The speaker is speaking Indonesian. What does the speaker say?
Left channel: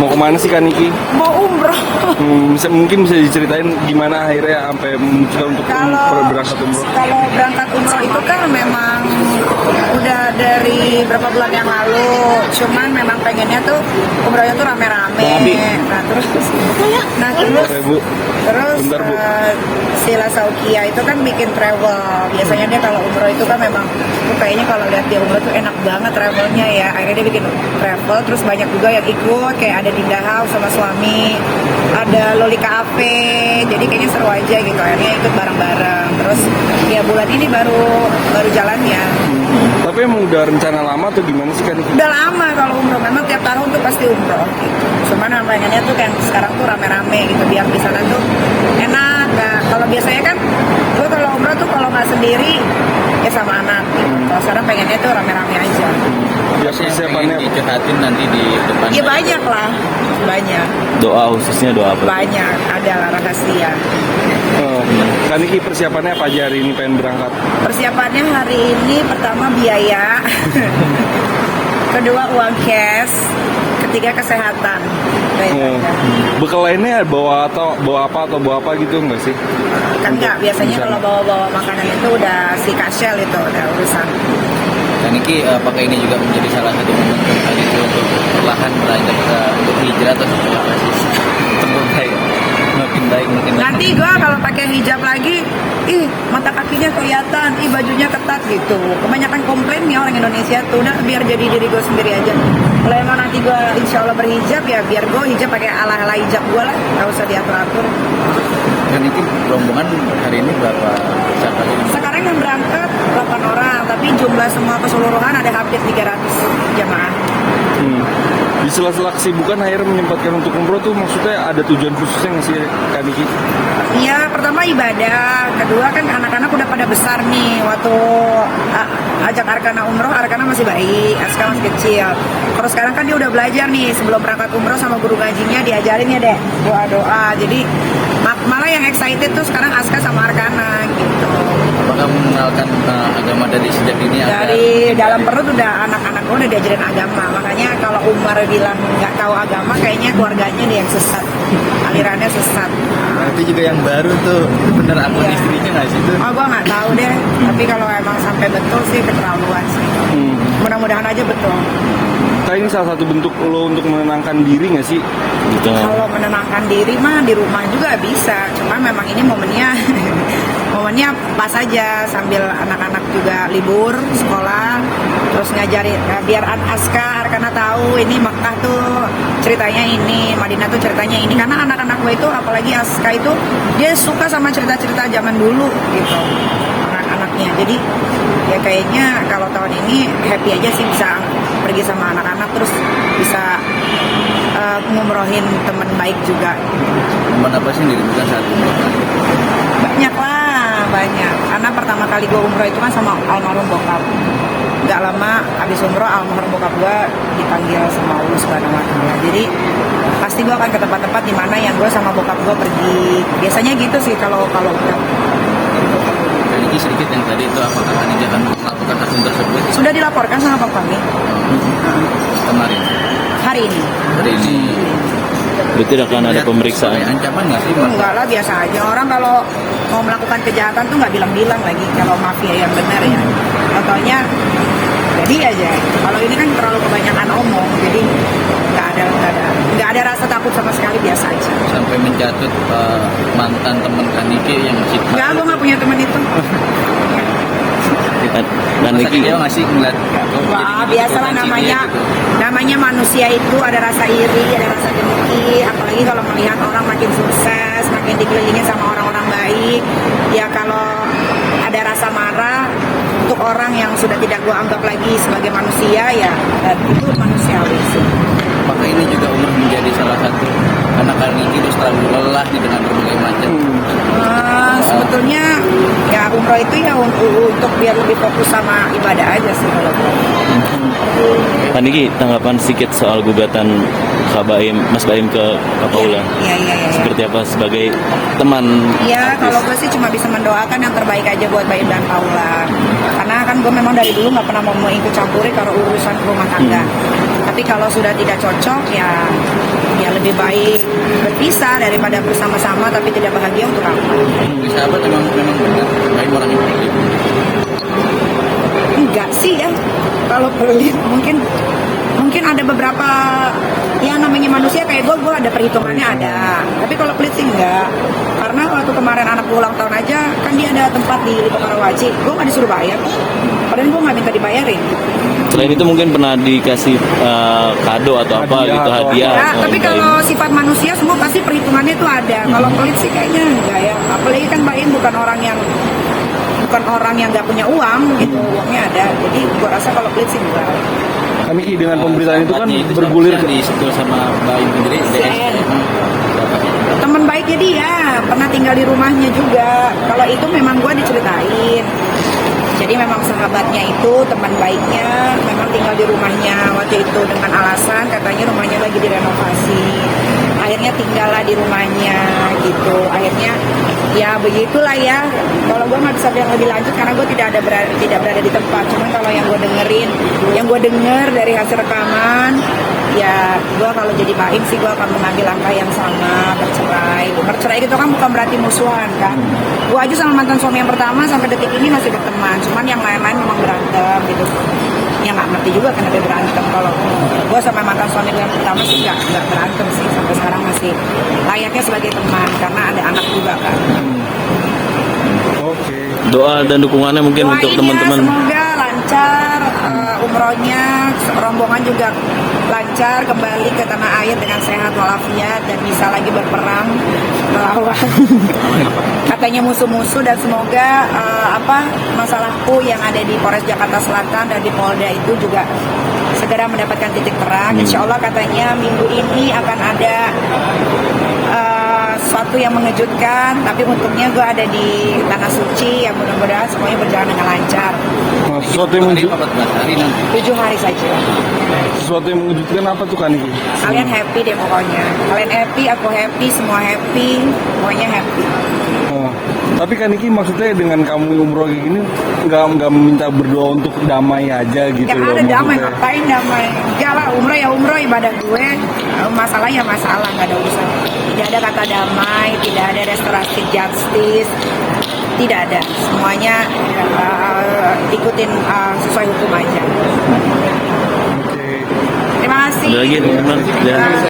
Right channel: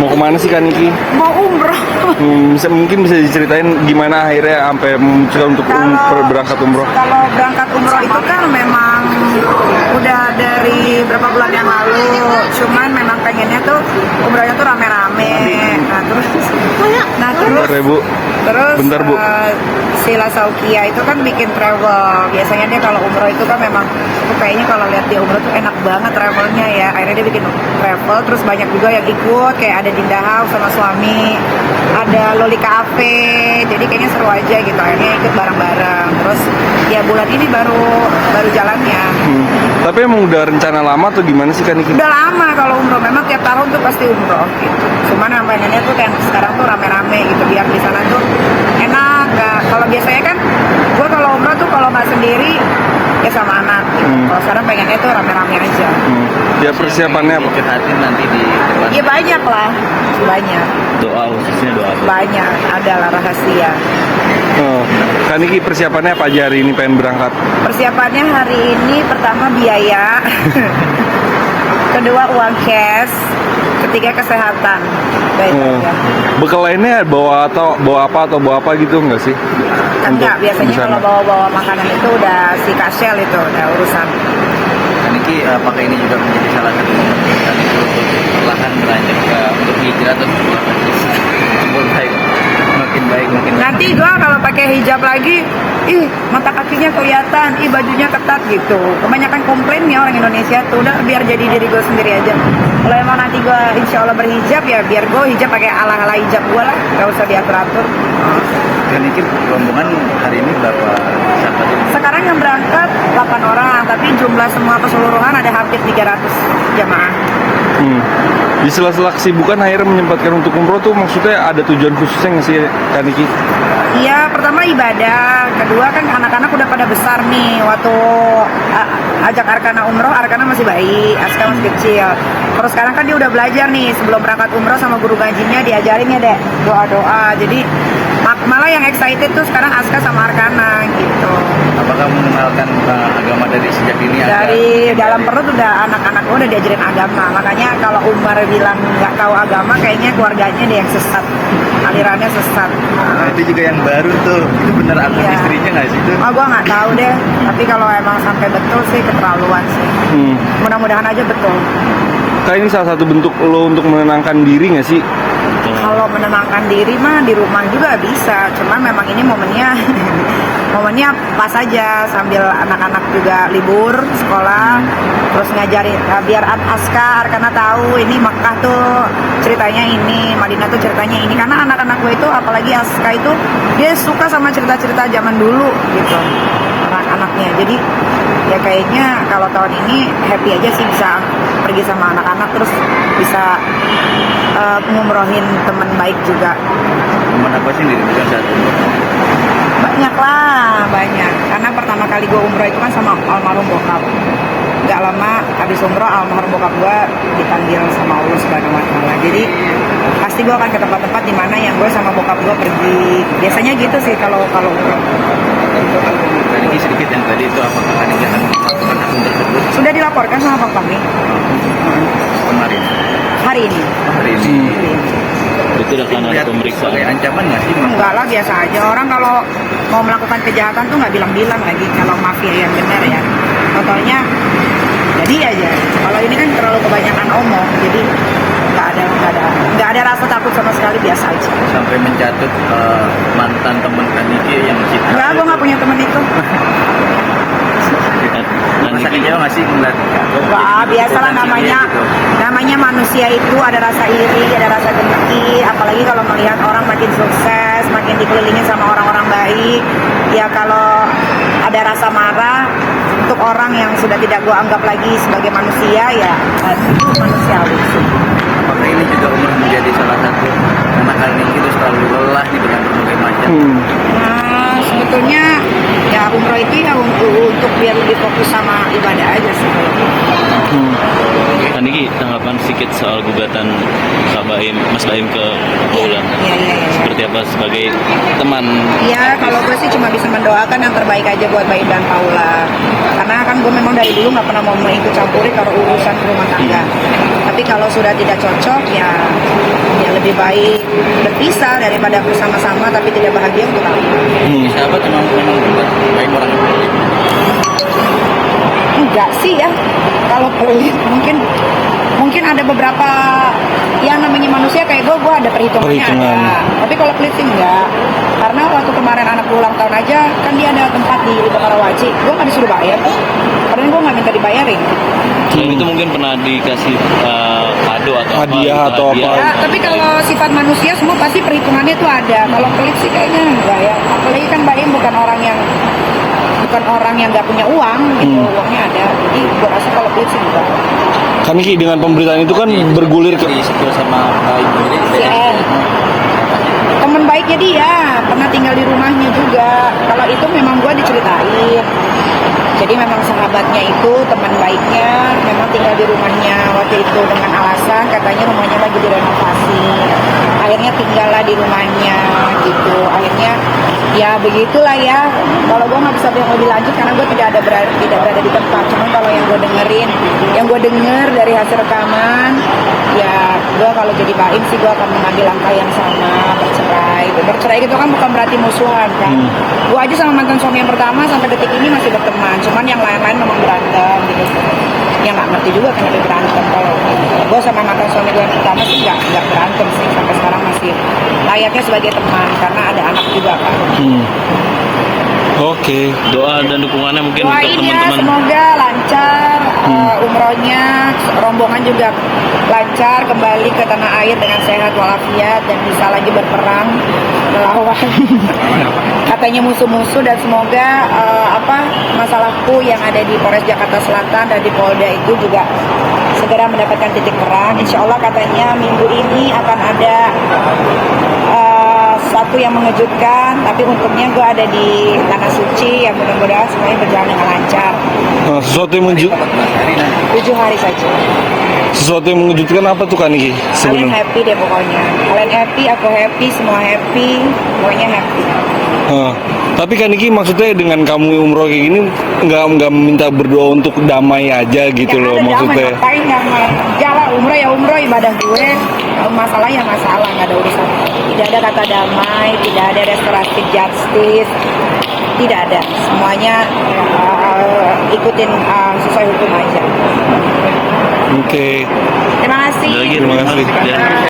Mau kemana sih Kak Niki? Mau umroh. Mungkin bisa diceritain gimana akhirnya sampai memutuskan untuk berangkat umroh? Kalau berangkat umroh itu kan memang udah dari berapa bulan yang lalu. Cuman memang pengennya tuh umrohnya tuh rame-rame. Nah terus Bentar, Bu. Sila Saukia itu kan bikin travel. Biasanya dia kalau umroh itu kan memang tuh kayaknya kalau lihat dia umroh tuh enak banget travelnya ya. Akhirnya dia bikin travel, terus banyak juga yang ikut, kayak ada Dinda House sama suami, ada Loli Cafe. Jadi kayaknya seru aja gitu. Akhirnya ikut bareng-bareng. Terus ya bulan ini baru jalannya. Tapi emang udah rencana lama atau gimana sih Kak Niki? Udah lama kalau umroh, memang tiap tahun tuh pasti umroh gitu. Cuman yang pengennya tuh yang sekarang tuh rame-rame gitu, biar di sana tuh enak. Nah, kalau biasanya kan gue kalau umroh tuh kalau nggak sendiri ya sama anak gitu. Kalau sekarang pengennya tuh rame-rame aja. Ya persiapannya apa? Dicurhatin nanti di depan. Iya banyak lah, banyak. Doa khususnya doa apa? Banyak, ada lah rahasia. Kak Niki persiapannya apa aja hari ini pengen berangkat? Persiapannya hari ini pertama biaya, kedua uang cash, ketiga kesehatan. Bekal lainnya bawa apa gitu nggak sih? Kan enggak, biasanya kalau bawa-bawa makanan itu udah si Kasel itu udah urusan. Kak Niki, apakah ini juga menjadi salah satu momen Kak Niki untuk perlahan beranjak untuk hijrah atau apa sih? Untuk makin baik. Nanti gua kalau pakai hijab lagi, mata kakinya kelihatan, bajunya ketat gitu. Kebanyakan komplainnya orang Indonesia tuh, udah biar jadi diri gue sendiri aja. Kalau emang nanti gue insya Allah berhijab ya biar gue hijab pakai ala-ala hijab gue lah, gak usah diatur-atur. Kak Niki, rombongan hari ini berapa sahabat ini? Sekarang yang berangkat 8 orang, tapi jumlah semua keseluruhan ada hampir 300 jamaah. Di sela-sela kesibukan akhirnya menyempatkan untuk umroh tuh maksudnya ada tujuan khususnya nggak sih Kak Niki? Iya, pertama ibadah, kedua kan anak-anak udah pada besar nih. Waktu ajak Arkana umroh, Arkana masih bayi, Aska masih kecil. Terus sekarang kan dia udah belajar nih, sebelum berangkat umroh sama guru ngajinya diajarin ya dek, doa-doa. Jadi malah yang excited tuh sekarang Aska sama Arkana gitu. Apakah mengenalkan agama dari sejak ini? Dari dalam perut udah anak-anak udah diajarin agama. Makanya kalau Umar bilang nggak tahu agama, kayaknya keluarganya dia yang sesat, alirannya sesat. Nah, itu juga yang baru tuh, itu bener akun istrinya nggak sih itu? Oh, gue nggak tahu deh. Tapi kalau emang sampai betul sih keterlaluan sih. Mudah-mudahan aja betul. Kak, ini salah satu bentuk lo untuk menenangkan diri nggak sih? Kalau menenangkan diri mah di rumah juga bisa. Cuman memang ini momennya pas aja sambil anak-anak juga libur sekolah, terus ngajarin biar Aska karena tahu ini Makkah tuh ceritanya ini, Madinah tuh ceritanya ini. Karena anak-anak gue itu apalagi Aska itu dia suka sama cerita-cerita zaman dulu gitu, anak-anaknya. Jadi ya kayaknya kalau tahun ini happy aja sih bisa pergi sama anak-anak, terus bisa ngumrohin teman baik juga. Teman apa sih yang dirindukan saat ini? Banyak lah, banyak. Karena pertama kali gue umroh itu kan sama almarhum bokap. Gak lama habis umroh almarhum bokap gue dipanggil sama Allah Subhanahu Wa Taala. Jadi pasti gue akan ke tempat-tempat di mana yang gue sama bokap gue pergi. Biasanya gitu sih kalau umroh. Tadi sedikit yang tadi itu apakah Niki akan melakukan akun tersebut Sudah dilaporkan sama Pak kami kemarin? hari ini. Betul akan ada pemeriksaan. Ancaman nggak sih? Enggak lah, biasa aja. Orang kalau mau melakukan kejahatan tuh nggak bilang-bilang lagi kalau mafia yang benar ya. Contohnya jadi aja. Kalau ini kan terlalu kebanyakan omong, jadi nggak ada rasa takut sama sekali, biasa aja. Sampai menjatuh mantan teman Niki yang masih. Nggak, gue nggak punya teman itu. Niki dia masih ngeliat. Wah, biasalah namanya manusia itu ada rasa iri, ada rasa dengki. Apalagi kalau melihat orang makin sukses, makin dikelilingi sama orang-orang baik. Ya kalau ada rasa marah untuk orang yang sudah tidak gue anggap lagi sebagai manusia, ya itu manusiawi sih. Apakah ini juga umroh menjadi salah satu karena Kak Niki itu selalu lelah nih dengan berbagai macam. Sebetulnya ya umroh itu ya untuk biar lebih fokus sama ibadah aja sih. Kak Niki, tanggapan sedikit soal gugatan Mas Baim ke Paula. Iya. Seperti apa sebagai teman? Ya kalau gue sih cuma bisa mendoakan yang terbaik aja buat Baim dan Paula. Karena kan gue memang dari dulu nggak pernah mau ikut campuri kalau urusan rumah tangga. Tapi kalau sudah tidak cocok ya lebih baik berpisah daripada bersama-sama tapi tidak bahagia untuk apa? Sahabat memang baik orang yang pelit. Enggak sih ya. Kalau pelit mungkin ada beberapa yang namanya manusia kayak gue ada perhitungannya Perhitungan. ada. Tapi kalau pelit sih enggak. Karena waktu kemarin anak gue ulang tahun aja kan dia ada tempat di Karawaci. Gue nggak disuruh bayar. Padahal gue nggak minta dibayarin. Dan itu mungkin pernah dikasih kado atau apa Hadiah gitu, atau hadiah apa. Nah, tapi kalau sifat manusia semua pasti perhitungannya itu ada. Kalau pelit sih kayaknya enggak ya. Apalagi kan Baim bukan orang yang nggak punya uang gitu, uangnya ada. Jadi gue rasa kalau pelit sih enggak. Kan Niki dengan pemberitaan itu kan bergulir ke Sebel sama baik sendiri. Sen. Teman baiknya dia pernah tinggal di rumahnya juga. Kalau itu memang gue diceritain. Jadi memang sahabatnya itu teman baiknya memang tinggal di rumahnya waktu itu dengan alasan katanya rumahnya lagi direnovasi. Akhirnya tinggallah di rumahnya gitu. Akhirnya ya begitulah ya. Kalau gue nggak bisa bilang lebih lanjut karena gue tidak berada di tempat. Cuman kalau yang gue denger dari hasil rekaman, ya gue kalau jadi baik sih gue akan mengambil langkah yang sama, bercerai. Bercerai itu kan bukan berarti musuhan kan. Gue aja sama mantan suami yang pertama sampai detik ini masih berteman. Cuman yang lain-lain memang berantem gitu. Ya nggak ngerti juga kan dia berantem. Kalau gue sama mantan suami gue yang pertama sih nggak berantem sih sampai sekarang masih layaknya sebagai teman karena ada anak juga kan. Oke. doa dan dukungannya mungkin untuk Doain ya, teman-teman. semoga lancar umrohnya, rombongan juga lancar kembali ke tanah air dengan sehat walafiat dan bisa lagi berperang melawan katanya musuh-musuh dan semoga masalahku yang ada di Polres Jakarta Selatan dan di Polda itu juga segera mendapatkan titik terang. Insya Allah katanya minggu ini akan ada sesuatu yang mengejutkan, tapi untungnya gue ada di Tanah Suci yang mudah-mudahan semuanya berjalan dengan lancar. Nah, sesuatu yang 7 hari saja. sesuatu yang mengejutkan apa tuh Kak Niki? Kalian Sebelum- happy deh pokoknya. Kalian happy, aku happy, semua happy, pokoknya happy. Tapi Kak Niki maksudnya dengan kamu umroh kayak gini nggak minta berdoa untuk damai aja gitu Gak loh ada damai, maksudnya. ngapain damai? Jalan umroh ya umroh, ibadah gue. Masalah ya masalah, nggak ada urusan. Tidak ada kata damai, tidak ada restoratif justice, tidak ada. Semuanya ikutin sesuai hukum aja. Oke. Terima kasih. Ada lagi, terima kasih. Ya.